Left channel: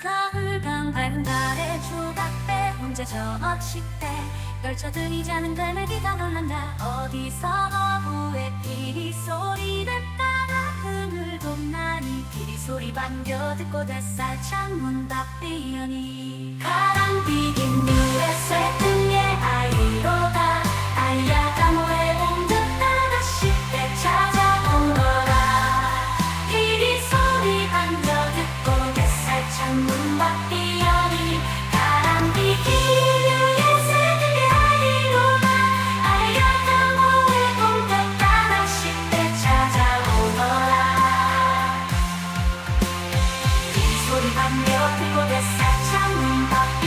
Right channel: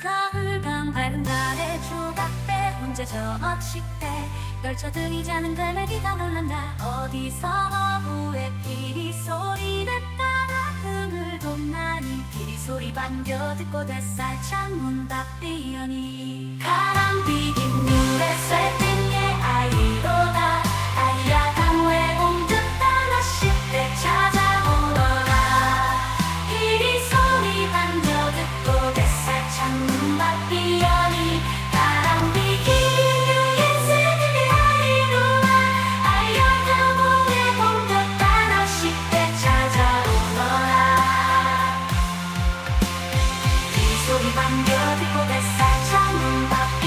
가을밤 밝은 달에 조각배 혼자 저 어식대 걸쳐들이 자는 갈매기가 놀란다. 어디서 어부의 피리 소리를 따라 그늘도 나니 피리 소리 반겨 듣고 뱃살 창문 밖 뛰어니 Ivan Jordi potesse accendere